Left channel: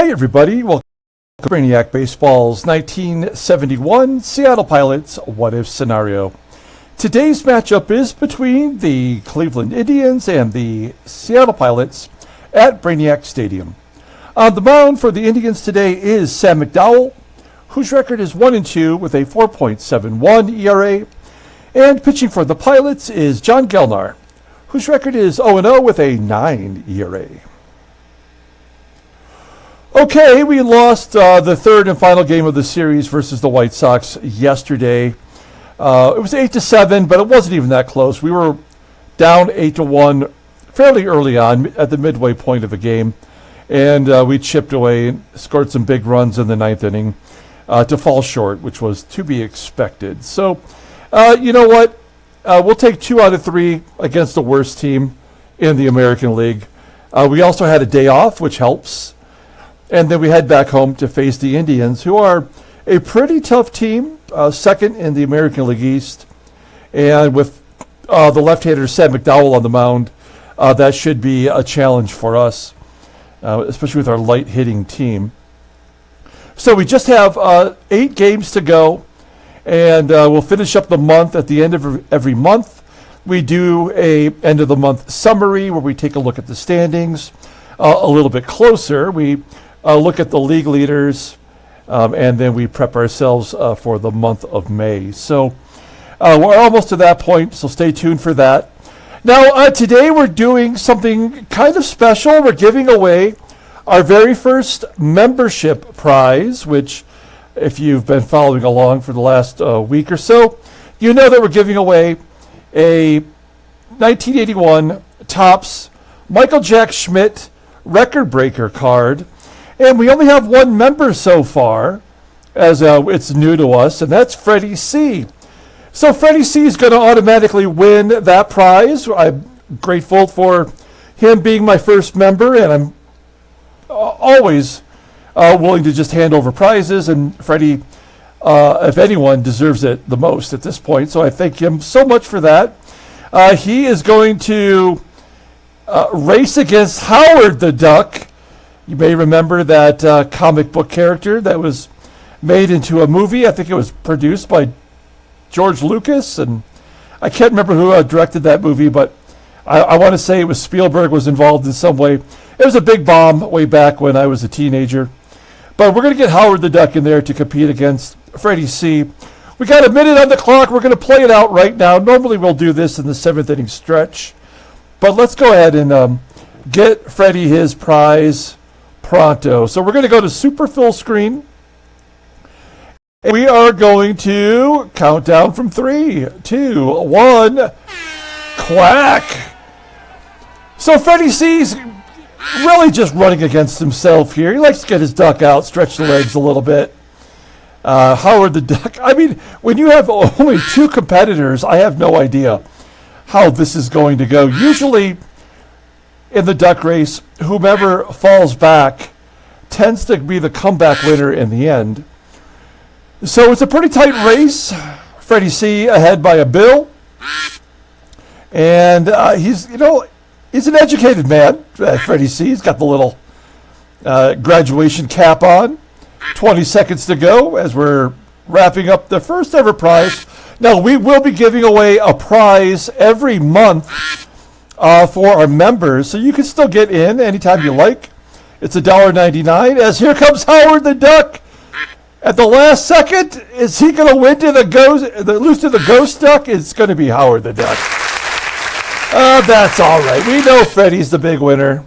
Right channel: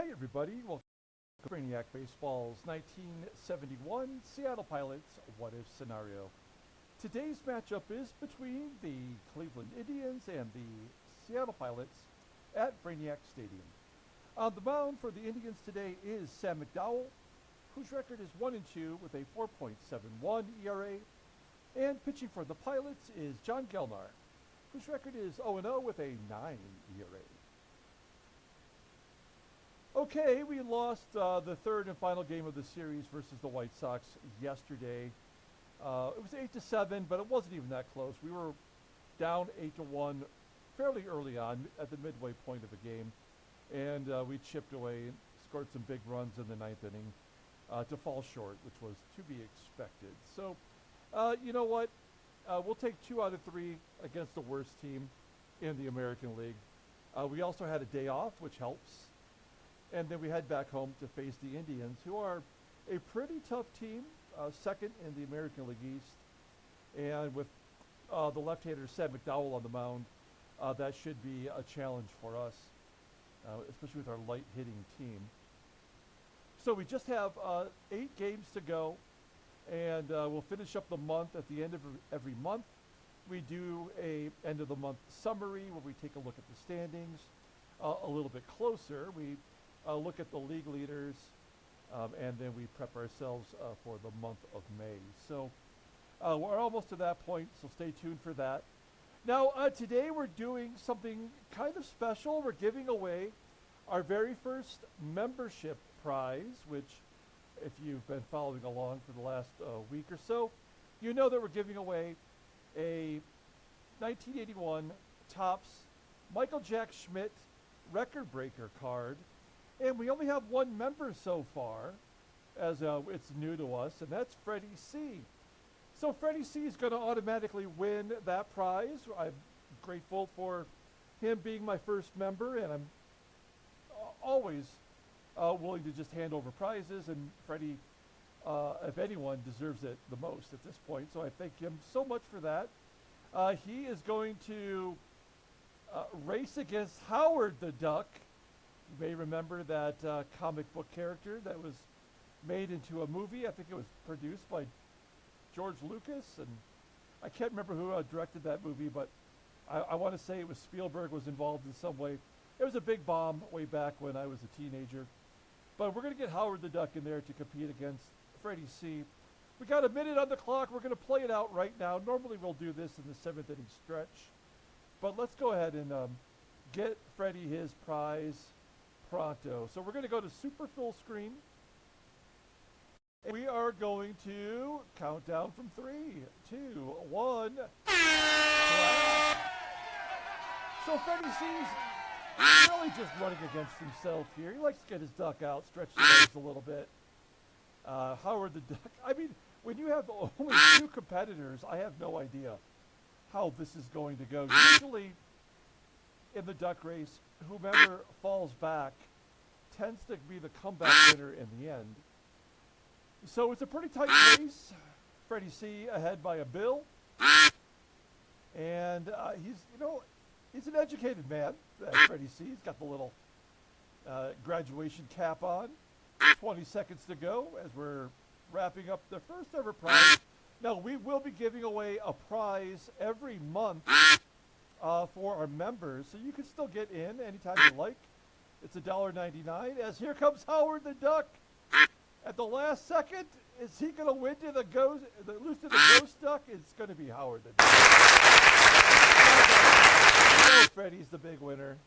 Hey everybody, welcome to Brainiac Baseball's 1971 Seattle Pilots What If Scenario. Today's matchup is between the Cleveland Indians and the Seattle Pilots at Brainiac Stadium. On the mound for the Indians today is Sam McDowell, whose record is 1-2 with a 4.71 ERA. And pitching for the Pilots is John Gelnar, whose record is 0-0 with a 9 ERA. Okay, we lost the third and final game of the series versus the White Sox yesterday. It was 8-7, but it wasn't even that close. We were down 8-1 fairly early on at the midway point of the game, and we chipped away and scored some big runs in the ninth inning to fall short, which was to be expected. So, you know what? We'll take 2 out of 3 against the worst team in the American League. We also had a day off, which helps. And then we head back home to face the Indians, who are a pretty tough team, second in the American League East. And with the left-hander Sam McDowell on the mound, that should be a challenge for us, especially with our light-hitting team. So we just have 8 games to go, and we'll finish up the month at the end of every month. We do a end-of-the-month summary where we take a look at the standings a little bit closer. We look at the league leaders, and then we prep ourselves for the month of May. So we're almost to that point, so stay tuned for that. Now, today we're doing something kind of special. We're giving away our very first membership prize, which, if you've been following along for the last week or so, you know that we're giving away a 1981 Topps Michael Jack Schmidt record breaker card. And we only have one member so far, as it's new to us, and that's Freddie C. So Freddie C is going to automatically win that prize. I'm grateful for him being my first member, and I'm always willing to just hand over prizes, and Freddie, if anyone, deserves it the most at this point. So I thank him so much for that. He is going to race against Howard the Duck. You may remember that comic book character that was made into a movie. I think it was produced by George Lucas, and I can't remember who directed that movie, but I want to say it was Spielberg was involved in some way. It was a big bomb way back when I was a teenager. But we're going to get Howard the Duck in there to compete against Freddie C. We got a minute on the clock. We're going to play it out right now. Normally we'll do this in the 7th inning stretch. But let's go ahead and get Freddie his prize pronto. So we're going to go to super full screen. And we are going to count down from 3, 2, 1. Quack! So Freddie C's really just running against himself here. He likes to get his duck out, stretch the legs a little bit. Howard the Duck. I mean, when you have only 2 competitors, I have no idea how this is going to go. Usually in the duck race, whomever falls back tends to be the comeback winner in the end. So it's a pretty tight race. Freddie C ahead by a bill. And he's an educated man, Freddie C. He's got the little graduation cap on. 20 seconds to go as we're wrapping up the first ever prize. Now, we will be giving away a prize every month for our members, so you can still get in anytime you like. It's $1.99. As here comes Howard the Duck at the last second. Is he going to win to lose to the ghost duck? It's going to be Howard the Duck. That's all right. We know Freddie's the big winner,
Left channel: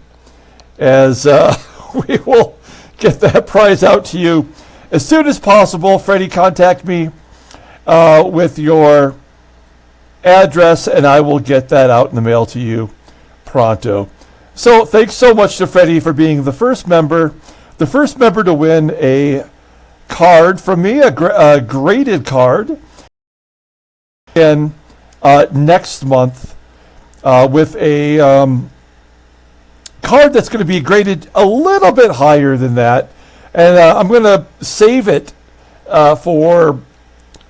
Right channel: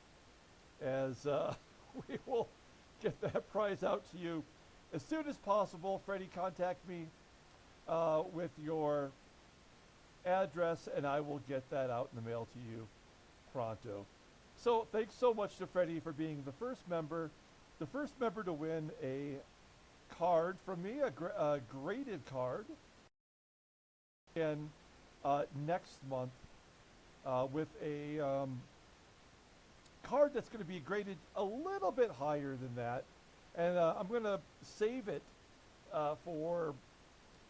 as we will get that prize out to you as soon as possible. Freddie, contact me with your address, and I will get that out in the mail to you pronto. So thanks so much to Freddie for being the first member to win a card from me, a graded card. And next month with a card that's going to be graded a little bit higher than that, and I'm going to save it for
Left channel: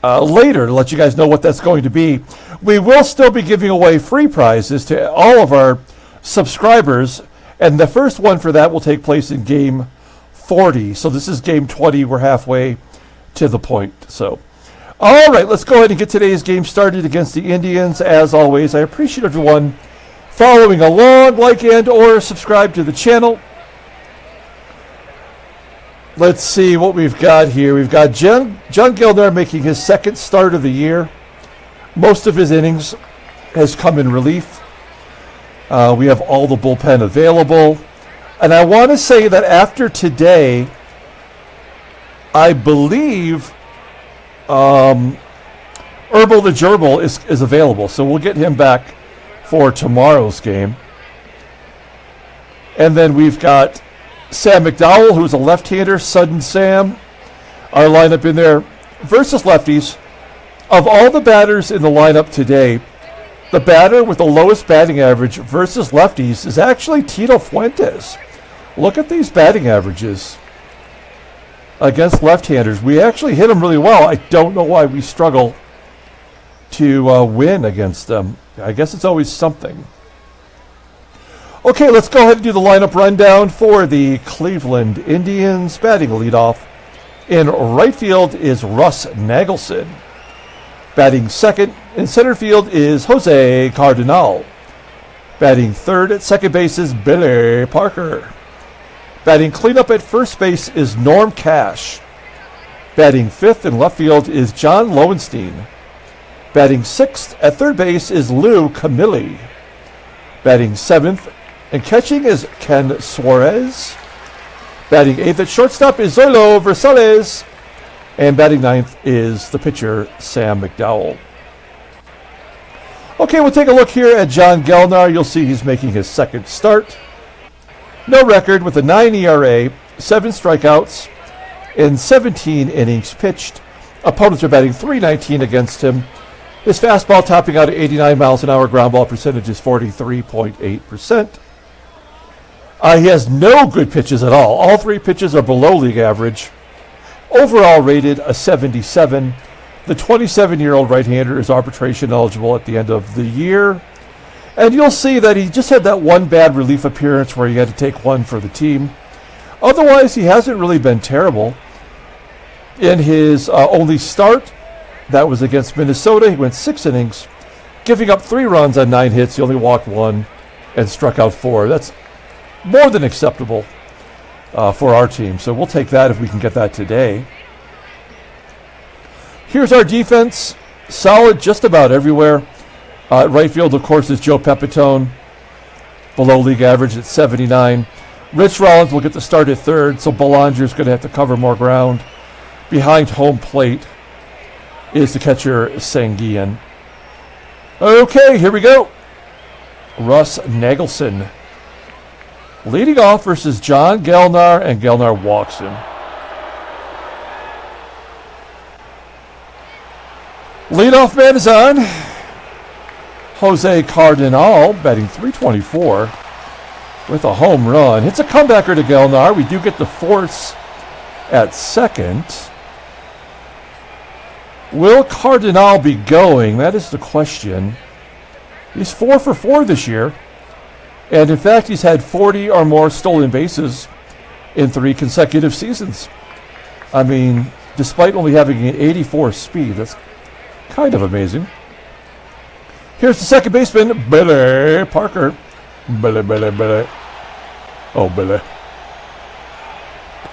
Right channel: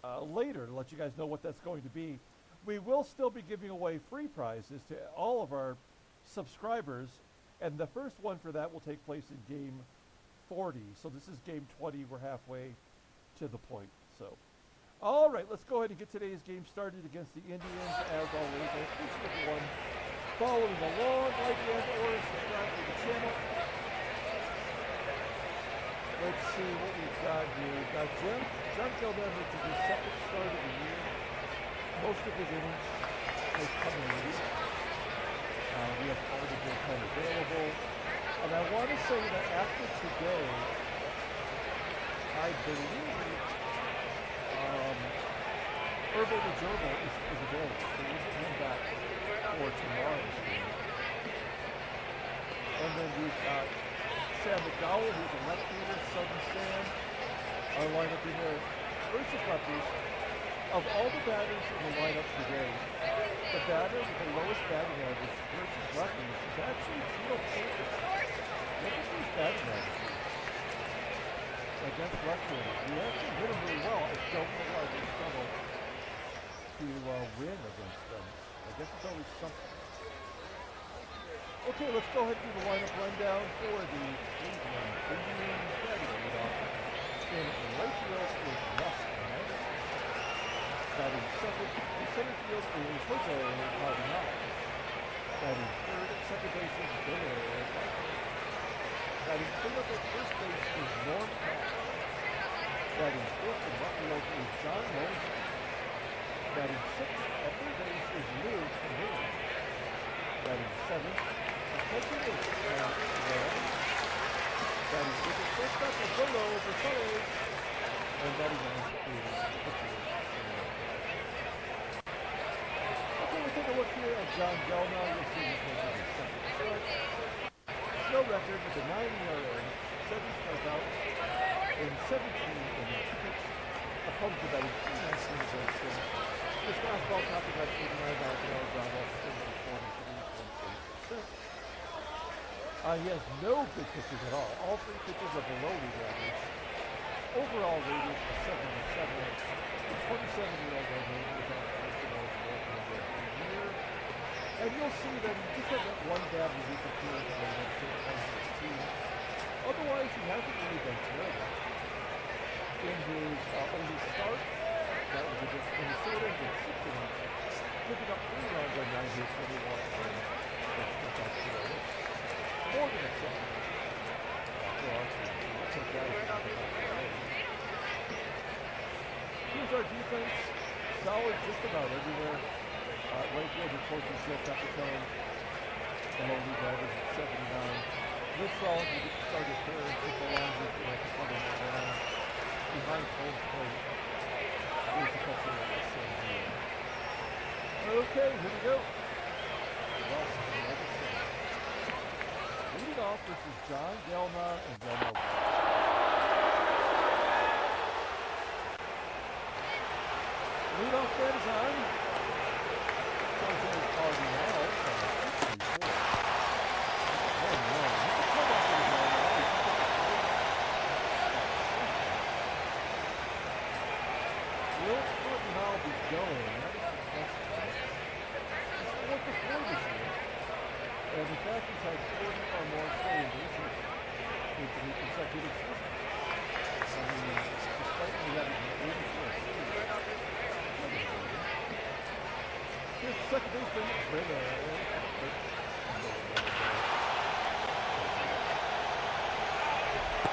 later to let you guys know what that's going to be. We will still be giving away free prizes to all of our subscribers, and the first one for that will take place in Game 40. So this is game 20. We're halfway to the point. So, all right, let's go ahead and get today's game started against the Indians. As always, I appreciate everyone following along. Like and or subscribe to the channel. Let's see what we've got here. We've got John Gelnar making his second start of the year. Most of his innings has come in relief. We have all the bullpen available. And I want to say that after today, I believe Herbal the Gerbil is available. So we'll get him back for tomorrow's game. And then we've got Sam McDowell, who's a left-hander, Sudden Sam. Our lineup in there versus lefties. Of all the batters in the lineup today, the batter with the lowest batting average versus lefties is actually Tito Fuentes. Look at these batting averages against left-handers. We actually hit them really well. I don't know why we struggle to win against them. I guess it's always something. Okay, let's go ahead and do the lineup rundown for the Cleveland Indians. Batting leadoff in right field is Russ NAGELSON. Batting second in center field is Jose Cardenal. Batting third at second base is Billy Parker. Batting cleanup at first base is Norm Cash. Batting fifth in left field is John Lowenstein. Batting sixth at third base is Lou Camilli. Batting seventh and catching is Ken SUAREZ. Batting eighth at shortstop is Zoilo VERSALLES. And batting ninth is the pitcher, Sam McDowell. Okay, we'll take a look here at John Gelnar. You'll see he's making his second start. No record with a 9 ERA, 7 strikeouts, in 17 innings pitched. Opponents are batting .319 against him. His fastball topping out at 89 miles an hour. Ground ball percentage is 43.8%. He has no good pitches at all. All 3 pitches are below league average. Overall rated a 77. The 27-year-old right-hander is arbitration eligible at the end of the year. And you'll see that he just had that one bad relief appearance where he had to take one for the team. Otherwise, he hasn't really been terrible. In his only start, that was against Minnesota, he went 6 innings, giving up 3 runs on 9 hits. He only walked 1 and struck out 4. That's more than acceptable for our team. So we'll take that if we can get that today. Here's our defense. Solid just about everywhere. Right field, of course, is Joe Pepitone, below league average at 79. Rich Rollins will get the start at third, so Belanger's going to have to cover more ground. Behind home plate is the catcher, SANGUILLEN. Okay, here we go. Russ NAGELSON leading off versus John Gelnar, and Gelnar walks in. Leadoff man is on. Jose Cardenal, batting .324 with a home run. Hits a comebacker to Gelnar. We do get the force at second. Will Cardenal be going? That is the question. He's 4 for 4 this year. And in fact, he's had 40 or more stolen bases in 3 consecutive seasons. I mean, despite only having an 84 speed, that's kind of amazing. Here's the second baseman, Billy Parker. Billy. Oh, Billy.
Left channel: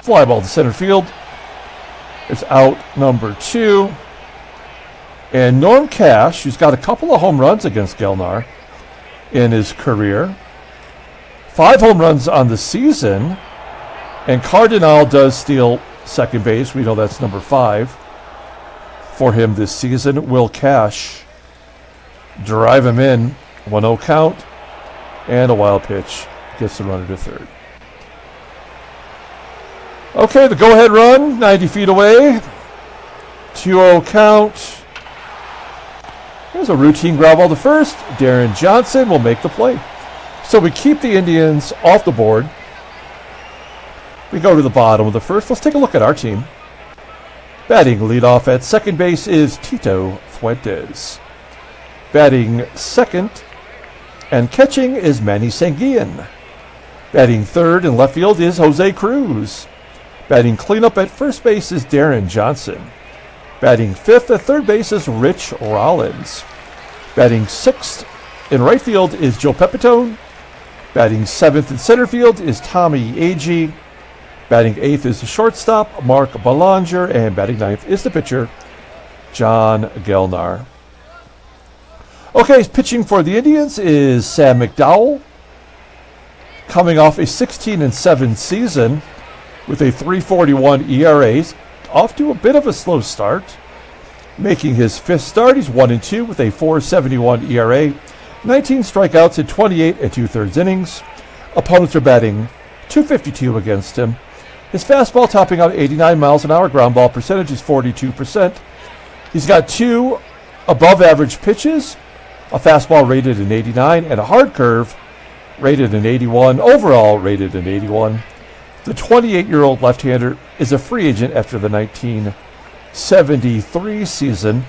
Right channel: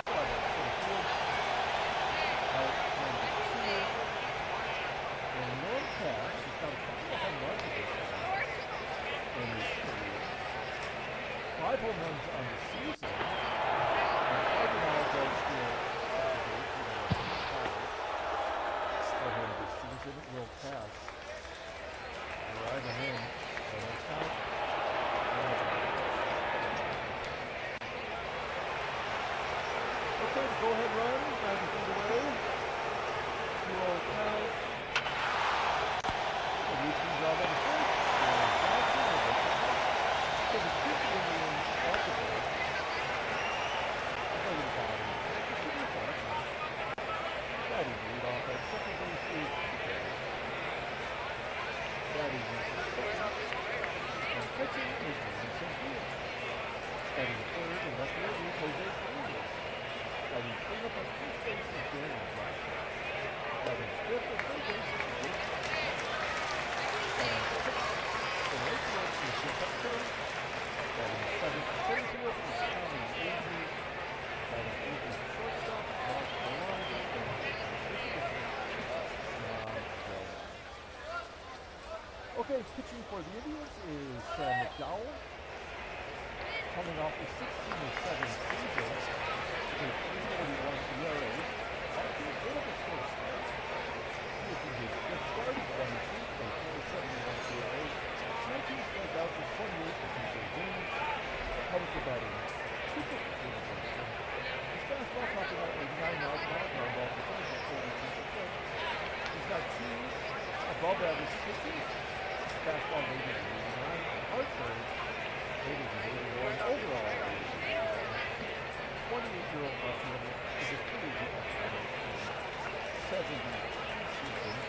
Fly ball to center field. It's out number 2. And Norm Cash, who's got a couple of home runs against Gelnar in his career. 5 home runs on the season. And Cardenal does steal second base. We know that's number 5 for him this season. Will Cash drive him in. 1-0 count. And a wild pitch. Gets the runner to third. Okay, the go-ahead run, 90 feet away. 2-0 count. There's a routine ground ball to first. Deron Johnson will make the play. So we keep the Indians off the board. We go to the bottom of the first. Let's take a look at our team. Batting leadoff at second base is Tito Fuentes. Batting second and catching is Manny. Batting third in left field is Jose CRUZ. Batting cleanup at first base is Deron Johnson. Batting fifth at third base is Rich Rollins. Batting sixth in right field is Joe Pepitone. Batting seventh in center field is Tommie AGEE. Batting eighth is the shortstop, Mark Belanger. And batting ninth is the pitcher, John Gelnar. Okay, pitching for the Indians is Sam McDowell, coming off a 16-7 season with a 3.41 ERA, off to a bit of a slow start. Making his fifth start, he's 1-2 with a 4.71 ERA, 19 strikeouts in 28 2/3 innings. Opponents are batting .252 against him. His fastball topping out 89 miles an hour, ground ball percentage is 42%. He's got two above average pitches, a fastball rated in 89 and a hard curve rated in 81, overall rated in 81. The 28-year-old left-hander is a free agent after the 1973 season.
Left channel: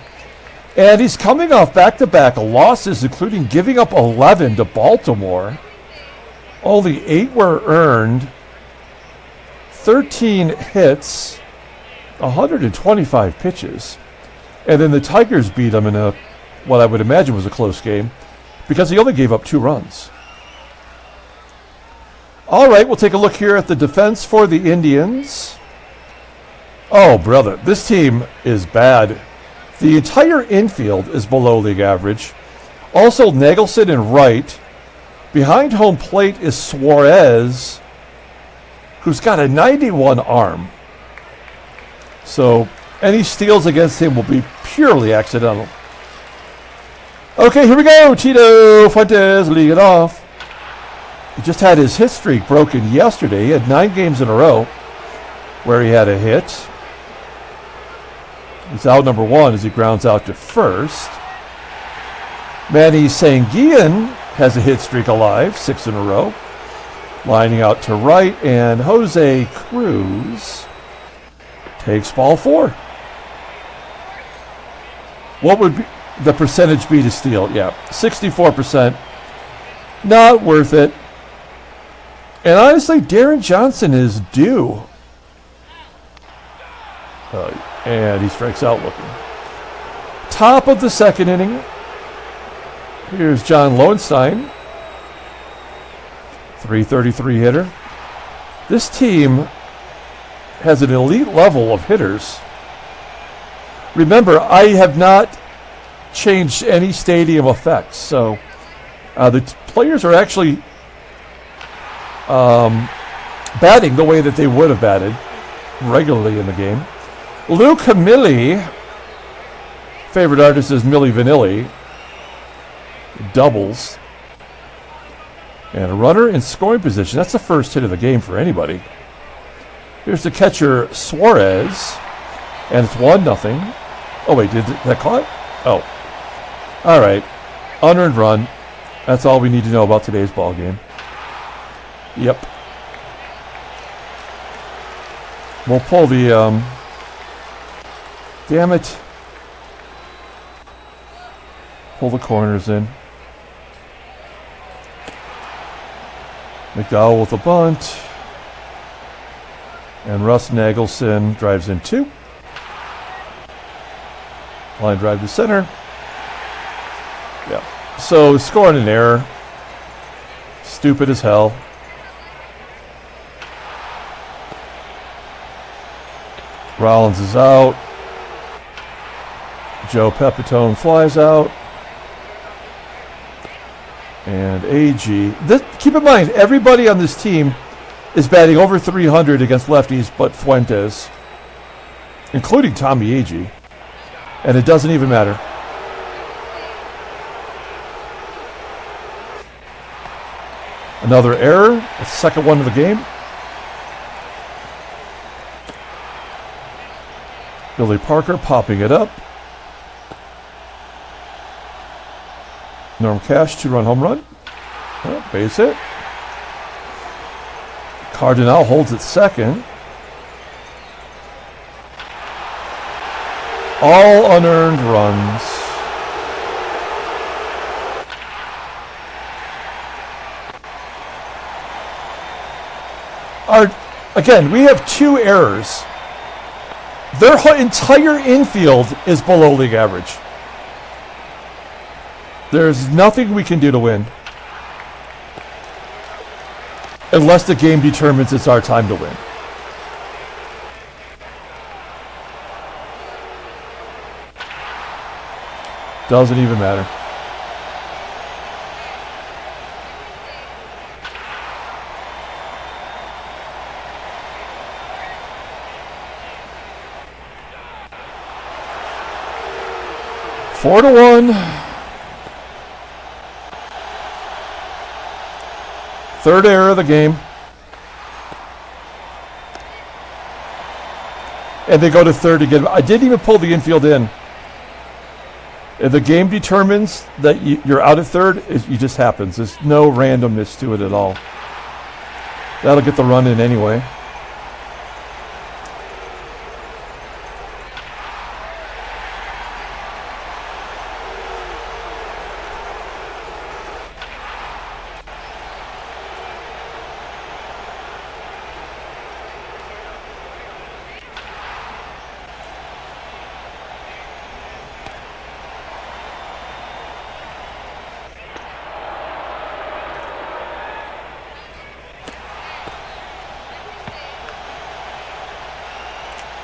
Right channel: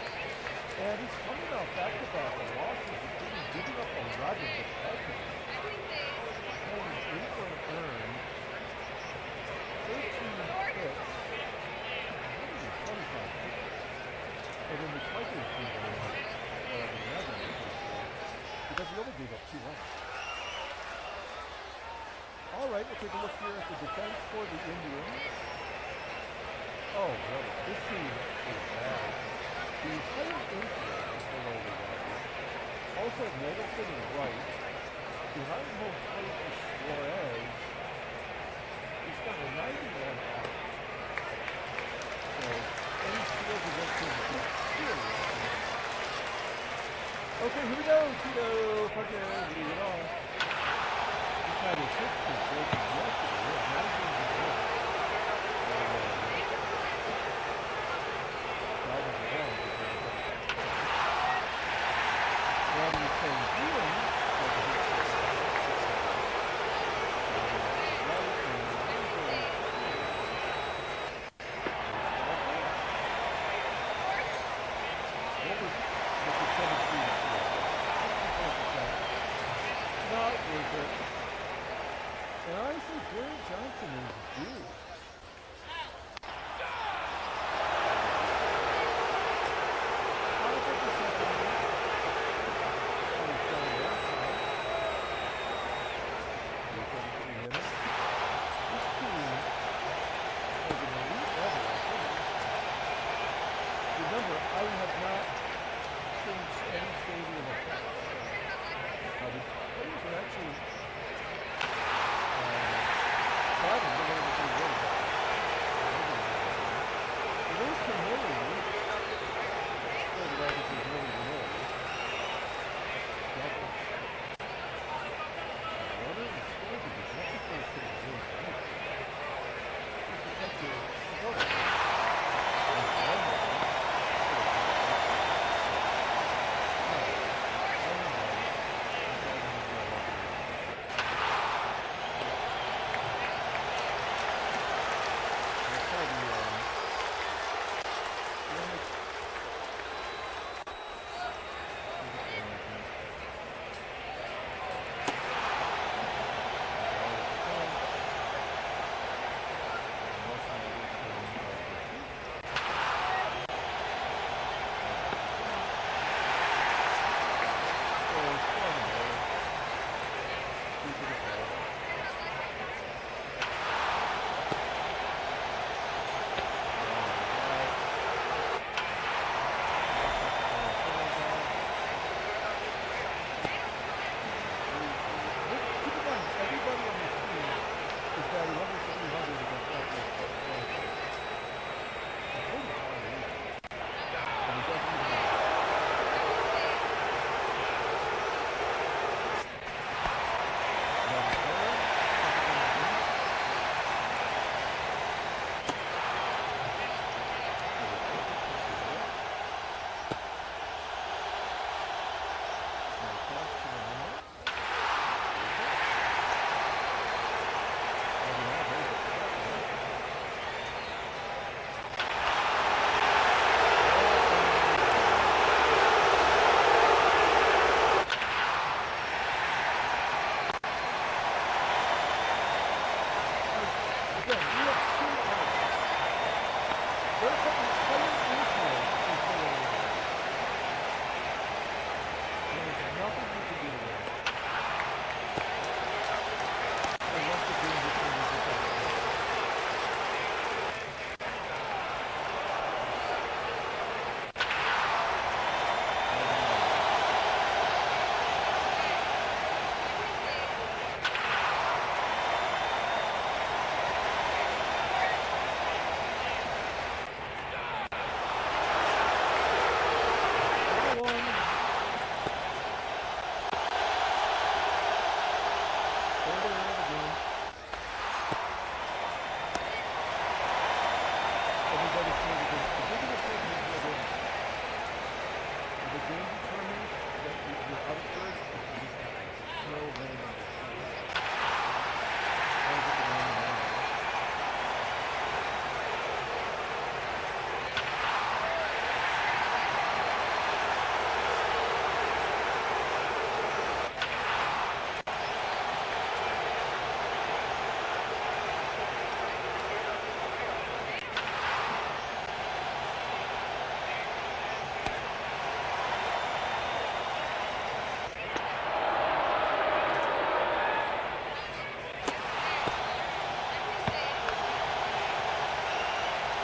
And he's coming off back-to-back losses, including giving up 11 to Baltimore. Only 8 were earned, 13 hits, 125 pitches. And then the Tigers beat him in what I would imagine was a close game because he only gave up 2 runs. All right, we'll take a look here at the defense for the Indians. Oh, brother, this team is bad. The entire infield is below league average. Also, Nagelson in right. Behind home plate is Suarez, who's got a 91 arm. So any steals against him will be purely accidental. Okay, here we go. Tito Fuentes leading it off. He just had his hit streak broken yesterday. He had 9 games in a row where he had a hit. He's out number 1 as he grounds out to first. Manny SANGUILLEN has a hit streak alive, 6 in a row. Lining out to right, and Jose CRUZ takes ball 4. What would the percentage be to steal? Yeah, 64%. Not worth it. And honestly, Deron Johnson is due. And he strikes out looking. Top of the second inning. Here's John Lowenstein. 333 hitter. This team has an elite level of hitters. Remember, I have not changed any stadium effects, so the players are actually batting the way that they would have batted regularly in the game. Lou CAMILLI, favorite artist is Milli Vanilli, doubles. And a runner in scoring position. That's the first hit of the game for anybody. Here's the catcher, Suarez. And it's 1-0. Oh, wait, did that caught? Oh. All right. Unearned run. That's all we need to know about today's ball game. Yep. We'll pull the... damn it. Pull the corners in. McDowell with a bunt. And Russ Nagelson drives in 2. Line drive to center. Yeah. So scoring an error. Stupid as hell. Rollins is out. Joe Pepitone flies out. And AGEE. Keep in mind, everybody on this team is batting over 300 against lefties but Fuentes, including Tommie AGEE. And it doesn't even matter. Another error, the second one of the game. Billy Parker popping it up. Norm Cash, 2-run home run. Oh, base hit. CARDENAL holds it second. All unearned runs. Again, we have 2 errors. Their entire infield is below league average. There's nothing we can do to win. Unless the game determines it's our time to win. Doesn't even matter. Four to 1. Third error of the game. And they go to third again. I didn't even pull the infield in. If the game determines that you're out at third, it just happens. There's no randomness to it at all. That'll get the run in anyway.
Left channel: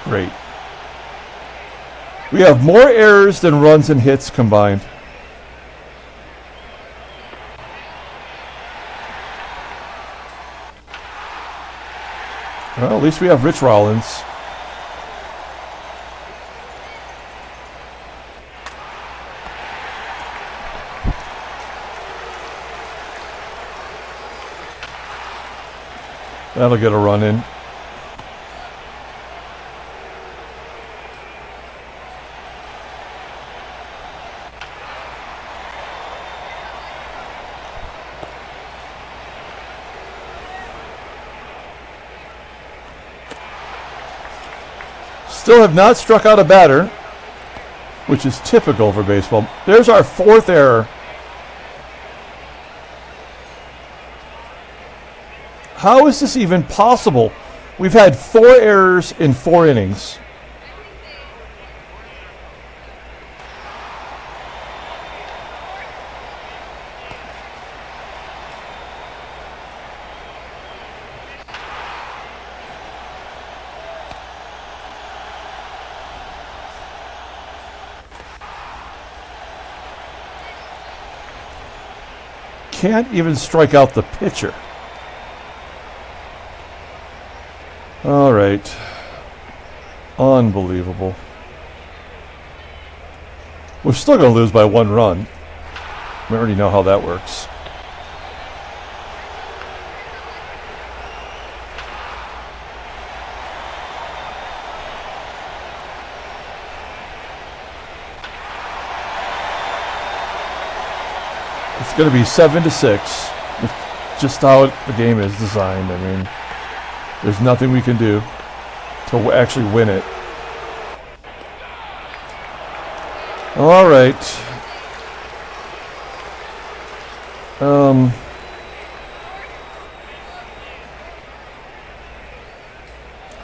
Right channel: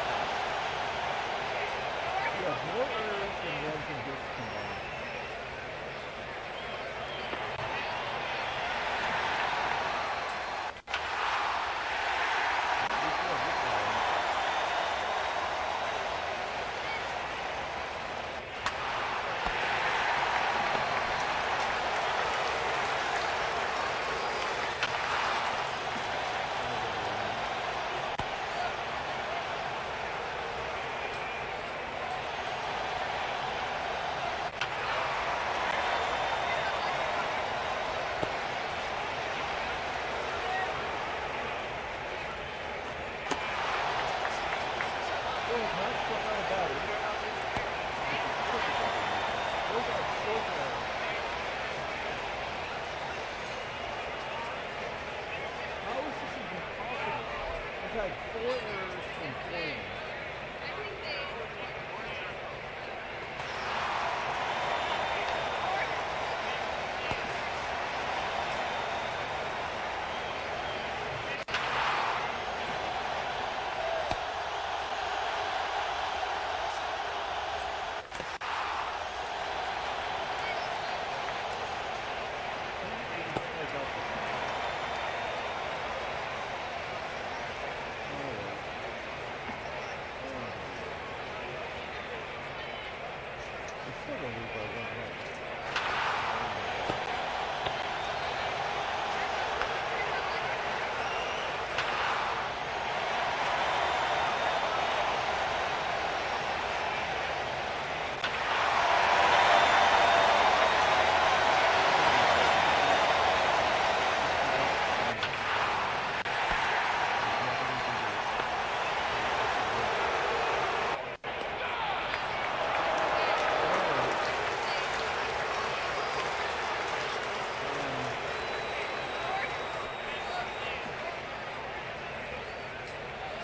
Great. We have more errors than runs and hits combined. Well, at least we have Rich Rollins. That'll get a run in. Still have not struck out a batter, which is typical for baseball. There's our 4th error. How is this even possible? We've had 4 errors in 4 innings. Can't even strike out the pitcher. All right. Unbelievable. We're still going to lose by 1 run. I already know how that works. It's going to be 7-6. Just how the game is designed. I mean, there's nothing we can do to actually win it. All right.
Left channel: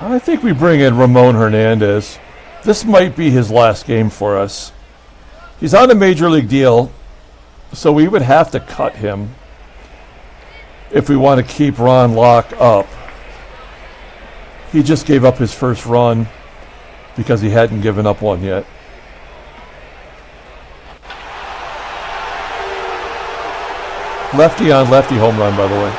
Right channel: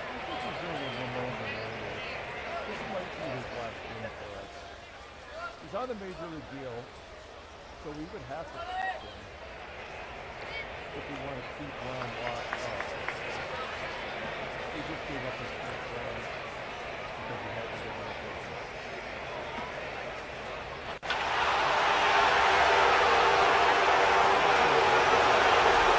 I think we bring in Ramon Hernandez. This might be his last game for us. He's on a major league deal, so we would have to cut him if we want to keep Ron Locke up. He just gave up his first run because he hadn't given up one yet. Lefty on lefty home run, by the way.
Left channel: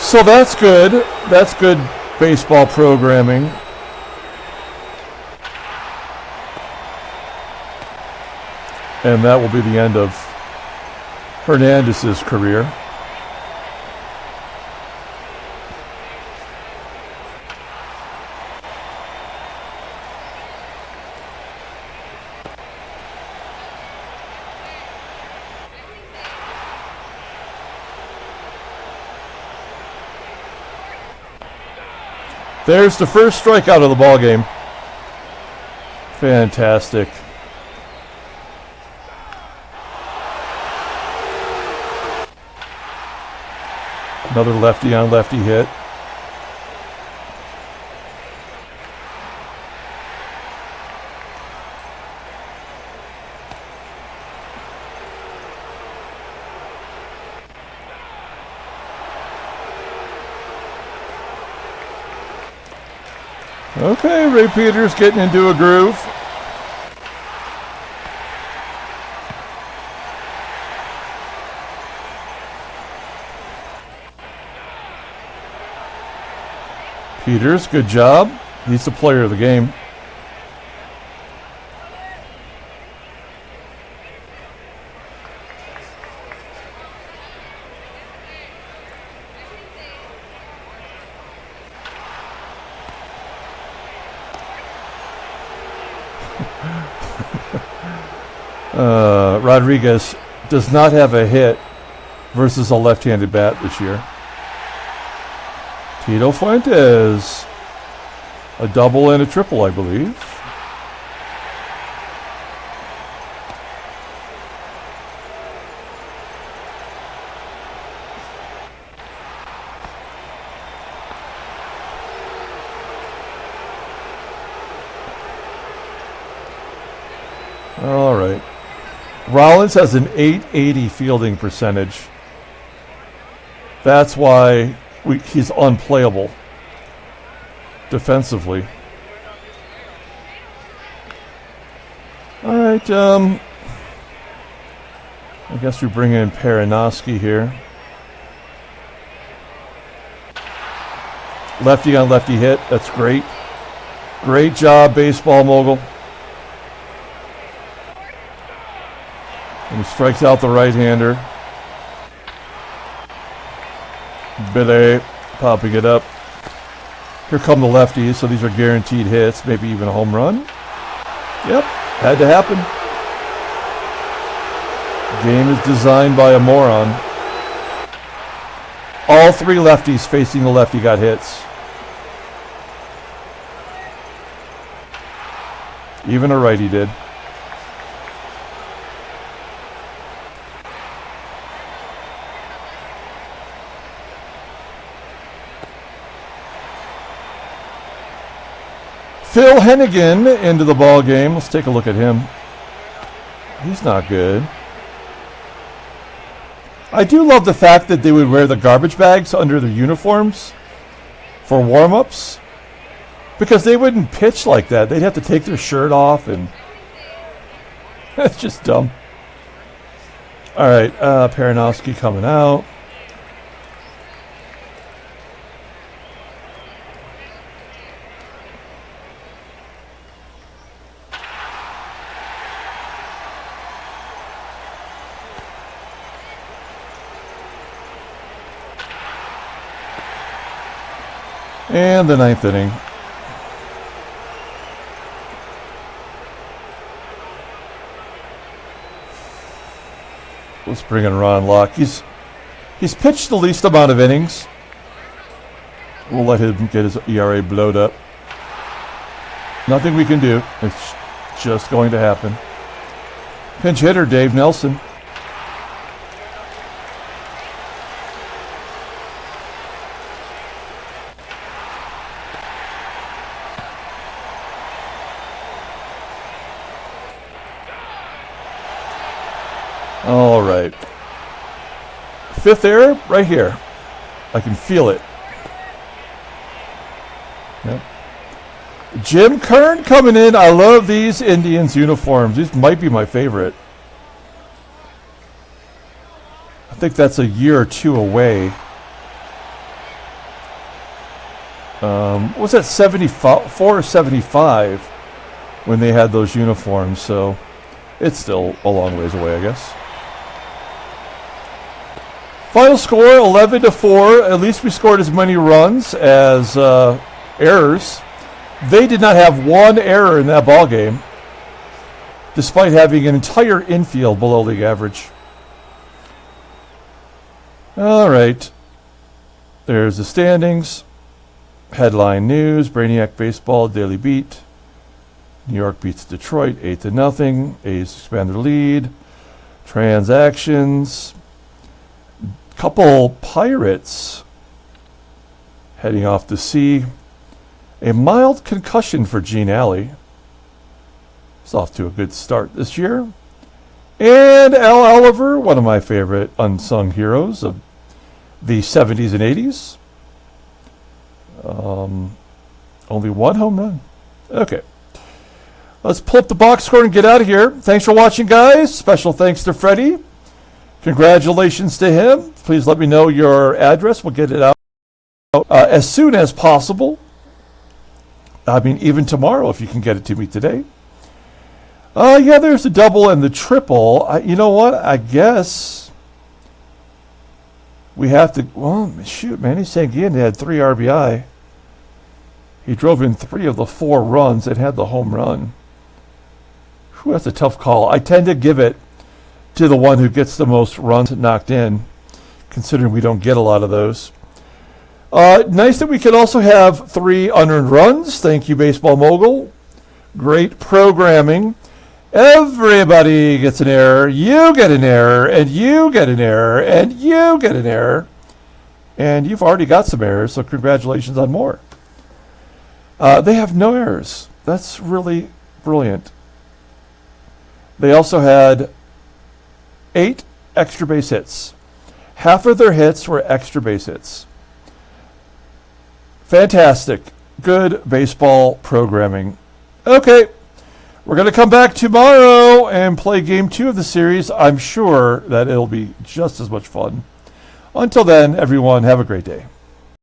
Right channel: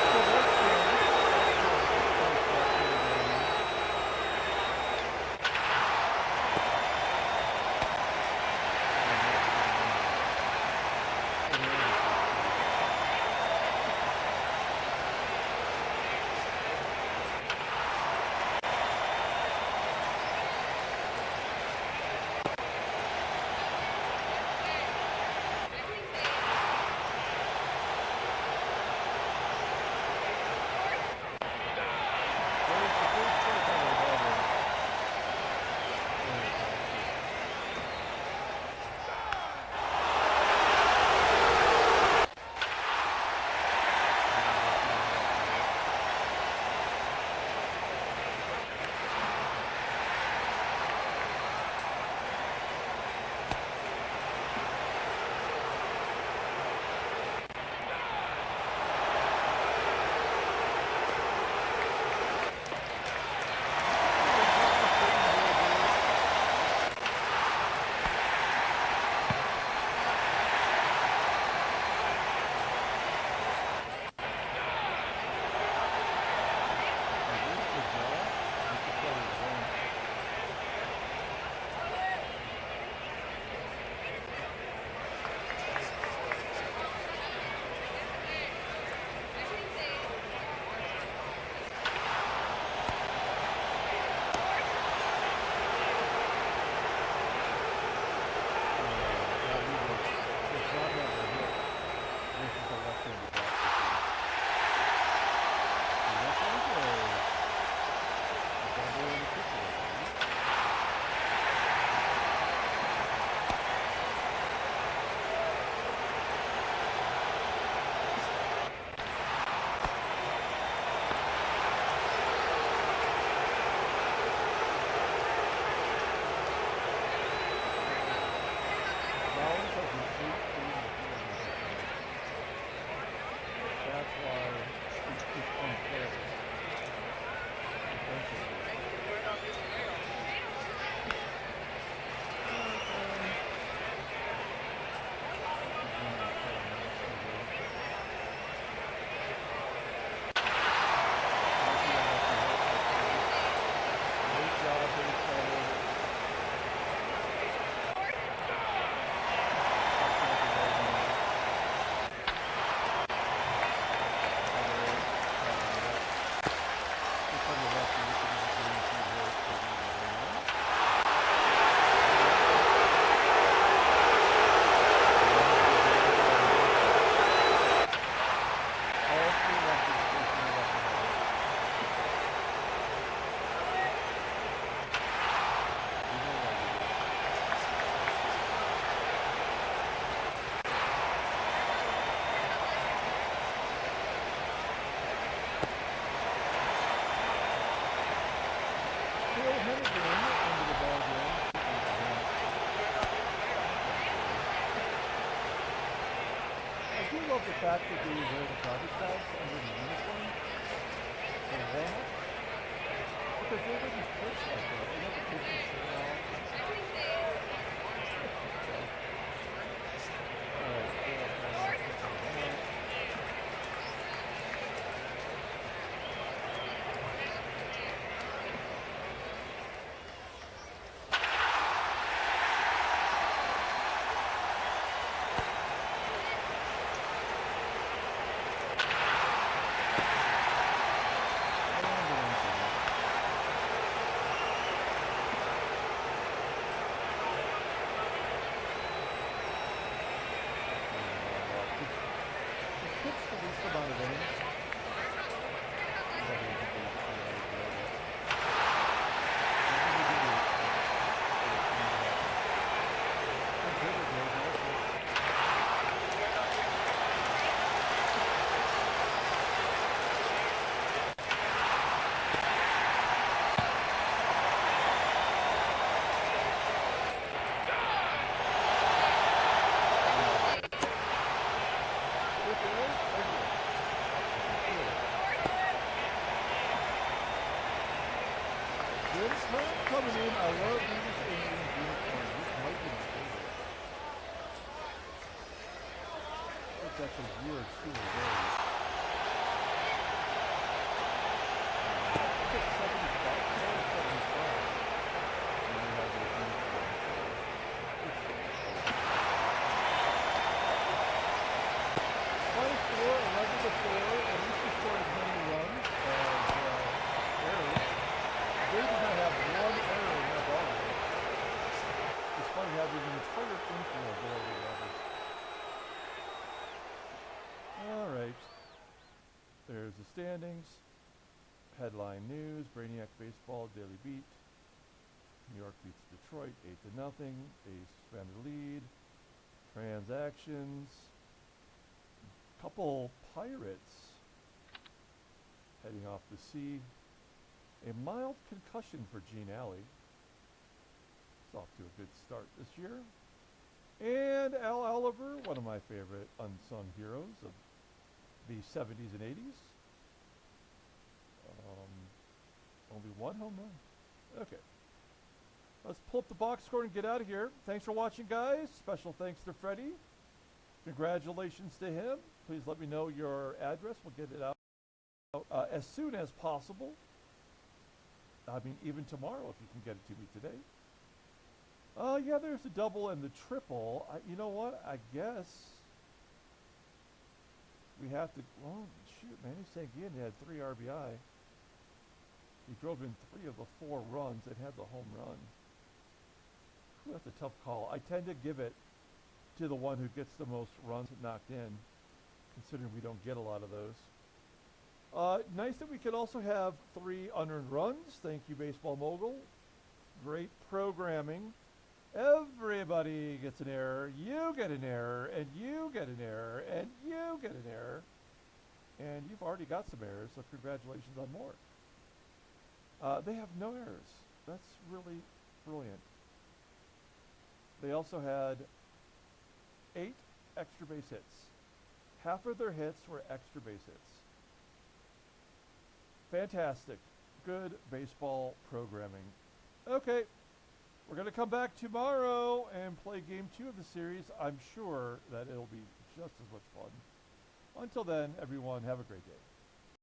So that's good. That's good baseball programming. And that will be the end of Hernandez's career. There's the first strikeout of the ball game. Fantastic. Another lefty on lefty hit. Okay, Ray Peters getting into a groove. Peters, good job. He's the player of the game. Rodriguez does not have a hit versus a left-handed bat this year. Tito Fuentes, a double and a triple, I believe. All right. Rollins has an .880 fielding percentage. That's why he's unplayable defensively. All right. I guess we bring in Perinoski here. Lefty on lefty hit. That's great. Great job, baseball mogul. And he strikes out the right-hander. Billy popping it up. Here come the lefties, so these are guaranteed hits, maybe even a home run. Yep, had to happen. Game is designed by a moron. All three lefties facing the lefty got hits. Even a righty did. Phil Hennigan into the ball game. Let's take a look at him. He's not good. I do love the fact that they would wear the garbage bags under their uniforms for warm-ups, because they wouldn't pitch like that. They'd have to take their shirt off, and it's just dumb. All right, Perinoski coming out. And the ninth inning. Let's bring in Ron Locke. He's pitched the least amount of innings. We'll let him get his ERA blowed up. Nothing we can do. It's just going to happen. Pinch hitter Dave Nelson. All right. Fifth error right here. I can feel it. Yep. Jim Kern coming in. I love these Indians uniforms. These might be my favorite. I think that's a year or two away. What was that, 74 or 75 when they had those uniforms? So it's still a long ways away, I guess. Final score 11-4. At least we scored as many runs as errors. They did not have one error in that ball game, despite having an entire infield below league average. All right. There's the standings. Headline news: Brainiac Baseball Daily Beat. New York beats Detroit 8-0. A's expand their lead. Transactions. Couple Pirates Heading off to C. A mild concussion for Gene Alley. He's off to a good start this year. And Al Oliver, one of my favorite unsung heroes of the 70s and 80s. Only one home run. Okay. Let's pull up the box score and get out of here. Thanks for watching, guys. Special thanks to Freddie. Congratulations to him. Please let me know your address. We'll get it out as soon as possible. I mean, even tomorrow if you can get it to me today. Yeah, there's the double and the triple. You know what? I guess we have to... Well, shoot, Manny Sanguillen had 3 RBI. He drove in 3 of the 4 runs and had the home run. Whew, that's a tough call. I tend to give it to the one who gets the most runs knocked in, considering we don't get a lot of those. Nice that we can also have 3 unearned runs. Thank you, Baseball Mogul. Great programming. Everybody gets an error. You get an error, and you get an error, and you get an error. And you've already got some errors, so congratulations on more. They have no errors. That's really brilliant. They also had 8 extra base hits. Half of their hits were extra base hits. Fantastic. Good baseball programming. Okay. We're going to come back tomorrow and play game 2 of the series. I'm sure that it'll be just as much fun. Until then, everyone, have a great day.